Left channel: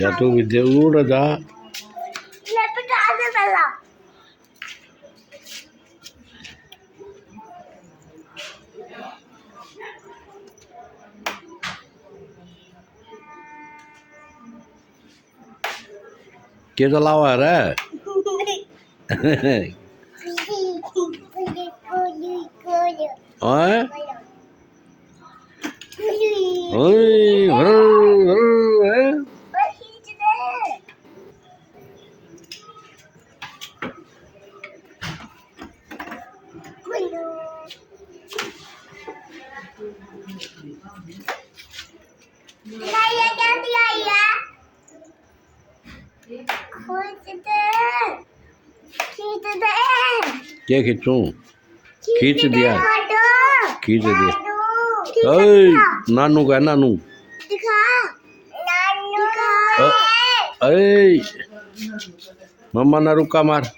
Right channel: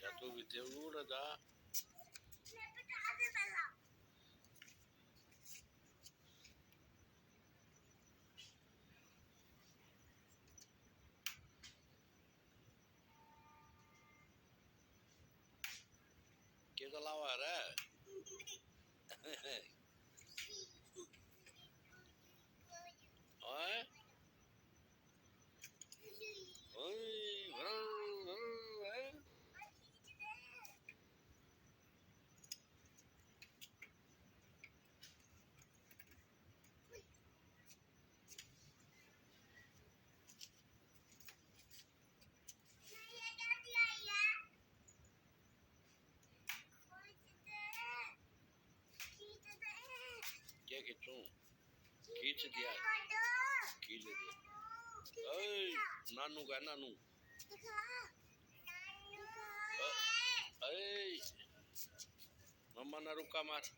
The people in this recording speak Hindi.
जा तू विद्या उड़ जा के चलावा रे ओए ओए क्या खींचूं खींच दिया ओए नानू का नानू ओए मम्मा ना रुका मार